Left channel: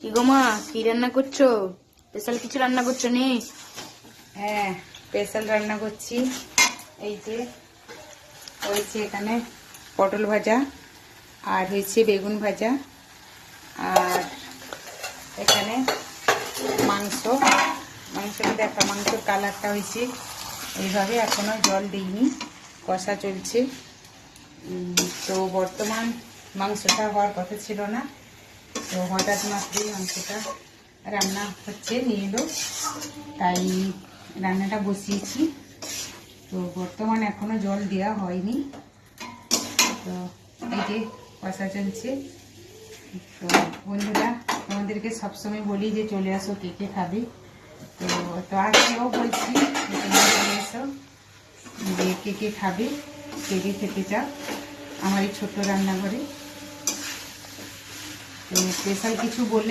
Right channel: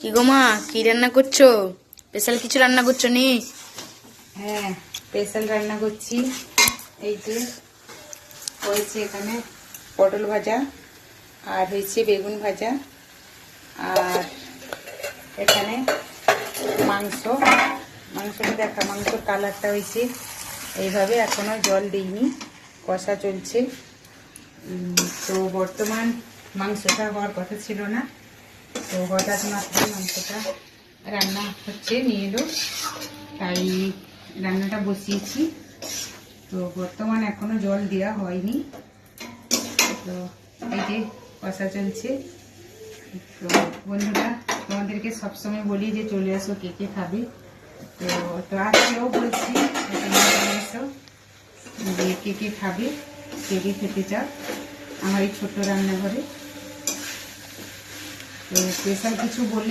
কি গো মা, কি রান্না করছো? স্পেশাল কিছু রান্না করছো নি? হ্যাঁ, স্পেশাল রান্না করছি। এই যে হয়েছে এখানে পটল ভাজা, আর হয়েছে বেগুন ভাজা, আর এখানে মাংসটা দেখো, মাংসের কালারটা হয়েছে এইভাবে। এখনো জল দিইনি, কষা চলছে। তো বর্তমান মাংসটা হওয়ার কথা ছিল না, তো হঠাৎ মাত্রই মাংসটা রান্না হচ্ছে, নিয়ে এলো, তাই রান্নাটা বসিয়েছি। তো বর্তমান এখনো জল দেওয়া হয়নি। তো এই যে কষা চলছে। তো বন্ধুরা, তোমাদেরকে সবসময় বলি যে চলে আসো, কে কে খাবে। তো আজকেও বলছি তোমরা চলে আসো, যে কে কে খাবে, কে কে খেতে চাও আমার এই ছোট্ট রান্নাঘরে। তো স্পেশাল কিছু বললে